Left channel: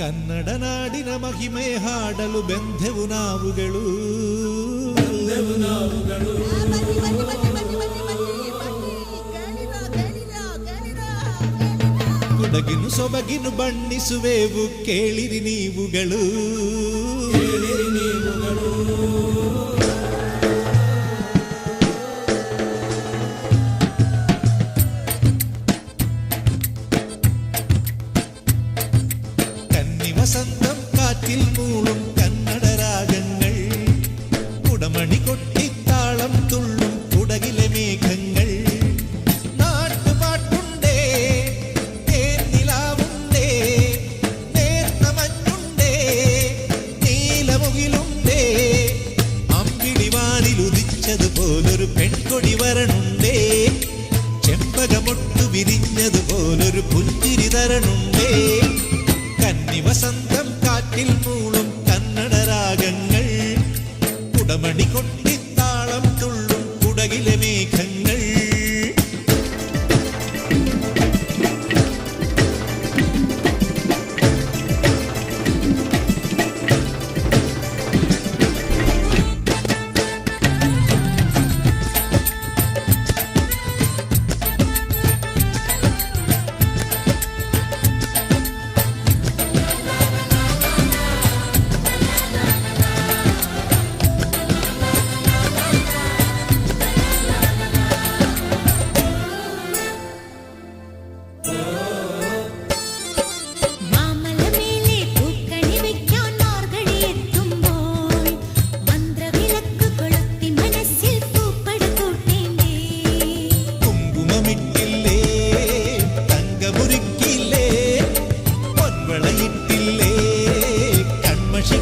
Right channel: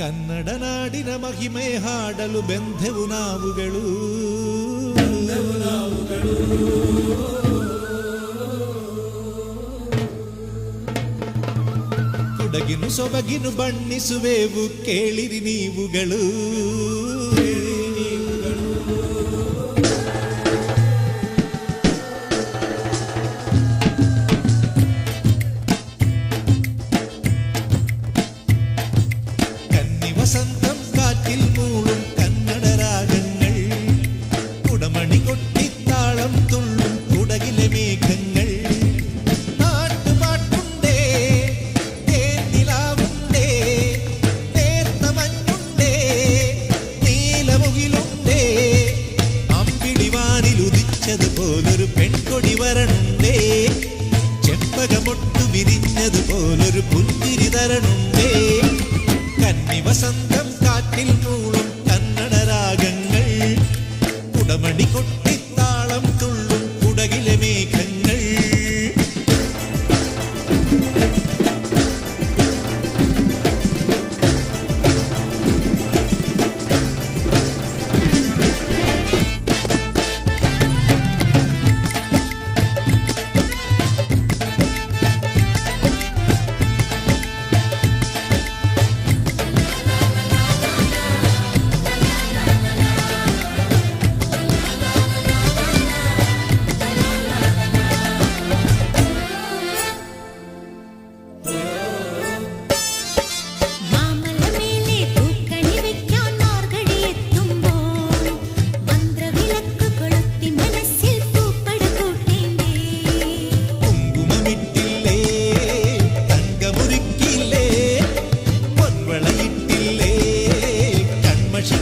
ಕನ್ನಡ ನಾಡಿನ ಮಹಿಮೆ ಹಾಡಲು ಬೆಂದೆವು ನಾವುಗಳು. ಕುಡಗಿನು ಸೊಬಗಿನು ಬಣ್ಣಿಸುವೆವು ಕೇಳಿರಿ ನೀವುಗಳು. വസന്തം കാറ്റിൽ മൂളും കന്നഡ രാഗങ്ങൾ, കുടമണി കൊട്ടിത്താളം തുള്ളും കുടകിലെ മേഘങ്ങൾ. നാട്ടുപാട്ടുണ്ടേ, തേന്നിലാവുണ്ടേ, നേർത്ത മഞ്ഞുണ്ടേ, നീലമുകിലുണ്ടേ, അമ്പിളിവാനിൽ ഉദിച്ചതുപോലൊരു പെൺകൊടി വരണുണ്ടേ, ചെമ്പകമൊട്ടു വിരിഞ്ഞതുപോലൊരു പുഞ്ചിരി തരണുണ്ടേ. കന്നി വസന്തം കാറ്റിൽ മൂളും കന്നഡ രാഗങ്ങൾ, കുടമണി കൊട്ടിത്താളം തുള്ളും കുടകിലെ മേഘങ്ങൾ.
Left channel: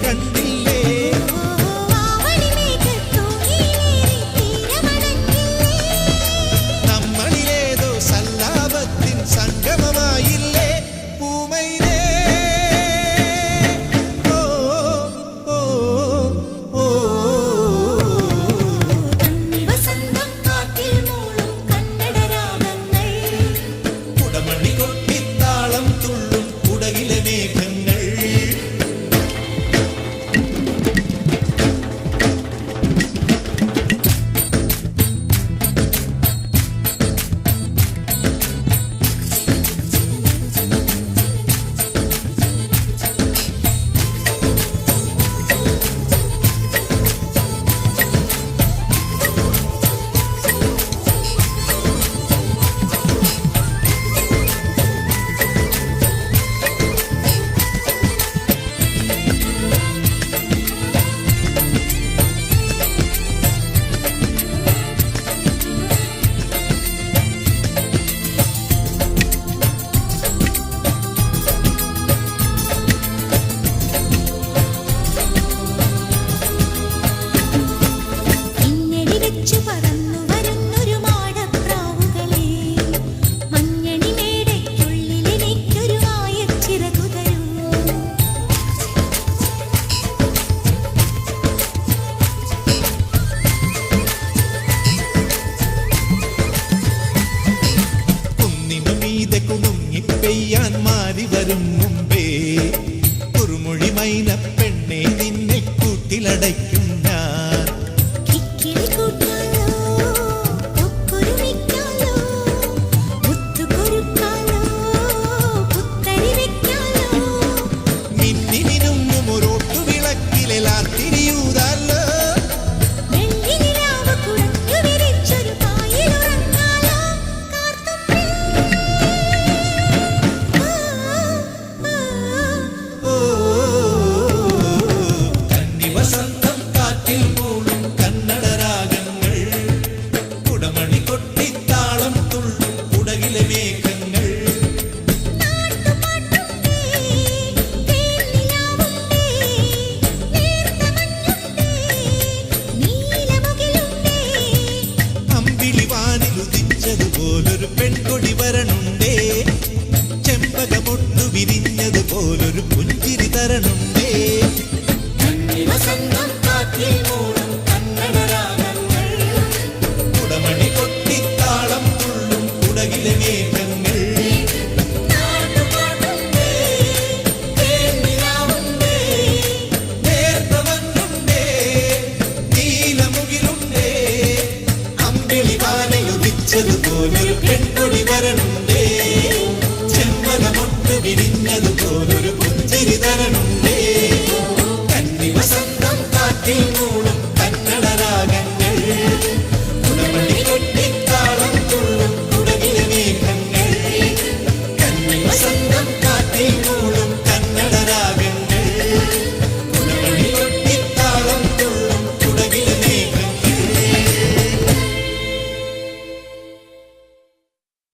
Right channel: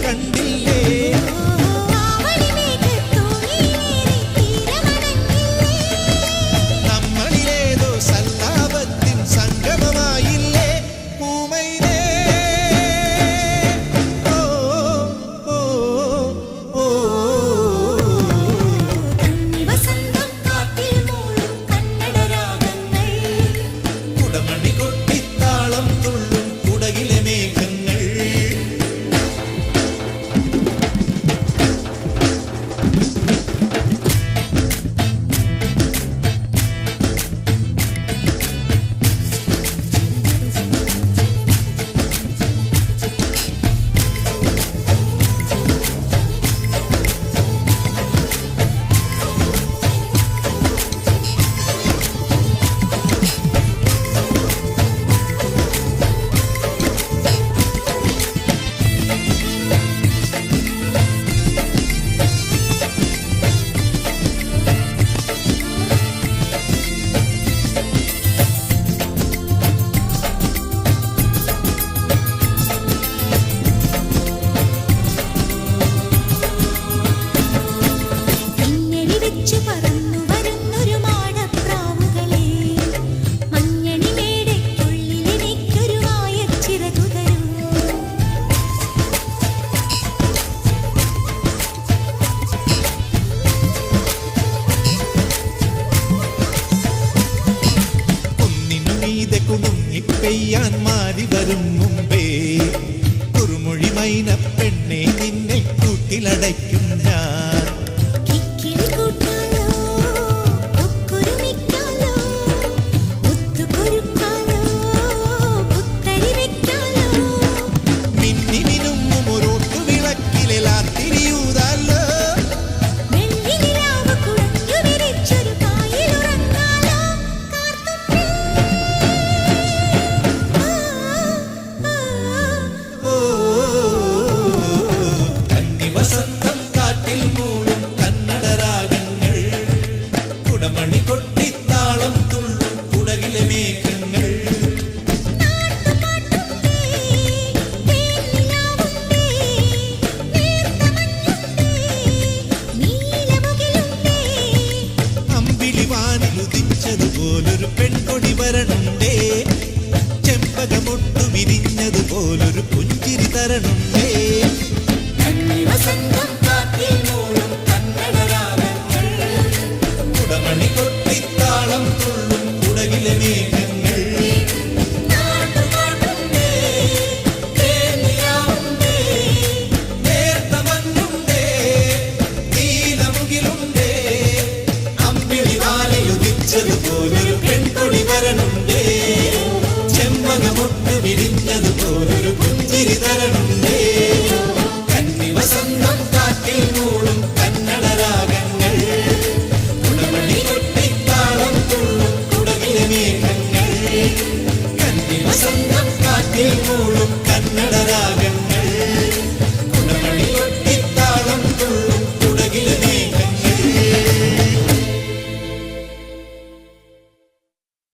കണ്ടില്ലേ നമ്മളിലേതോ സല്ലാപത്തിൻ സംഗമമായില്ലേ പൂമൈനേ. ഓ ഓ ഓ കന്നി വസന്തം കാറ്റിൽ മൂളും കന്നഡ രാഗങ്ങൾ, കുടമണി കൊട്ടിത്താളം തുള്ളും കുടകിലെ മേഘങ്ങൾ. പറന്നു വരുന്നൊരു മാടപ്രാവുകളെ, മഞ്ഞണി മേടയ്ക്കുള്ളിൽ എനിക്കൊരു വായച്ചിറകു തരൂ. കുന്നിനു മീതെ കുടുങ്ങിപ്പെയ്യാൻ മാറി വരും മുമ്പേ, കുറുമൊഴി മൈന പെണ്ണെ നിന്നെ കൂട്ടിലടയ്ക്കും ഞാൻ. തിരിയൂതല്ലോ വെള്ളിനിലാവ് കുഴഞ്ഞു വിരിച്ചൊരു പായിലുറങ്ങാലോ കാർത്തുമ്പി. കന്നി വസന്തം കാറ്റിൽ മൂളും കന്നഡ രാഗങ്ങൾ, കുടമണി കൊട്ടിത്താളം തുള്ളും കുടകിലെ മേഘങ്ങൾ. ുദിച്ചതുപോലൊരു പെൺകൊടി വരണുണ്ടേ, ചെമ്പകമൊട്ടു വിരിഞ്ഞതുപോലൊരു പുഞ്ചിരി തരണുണ്ടേ. കന്നി വസന്തം കാറ്റിൽ മൂളും കന്നഡ രാഗങ്ങൾ, കുടമണി കൊട്ടിത്താളം തുള്ളും കുടകിലെ മേഘങ്ങൾ. നാട്ടുപാട്ടുണ്ടേ, തരണുണ്ടേ, ചെമ്പകമൊട്ട് വിരിഞ്ഞതുപോലൊരു പുഞ്ചിരി തരണുണ്ടേ. കന്നി വസന്തം കാറ്റിൽ മൂളും കന്നഡ രാഗങ്ങൾ, കുടമണി കൊട്ടിത്താളം തുള്ളും കുടകിലെ മേഘങ്ങൾ. കന്നി വസന്തം കാറ്റിൽ മൂളും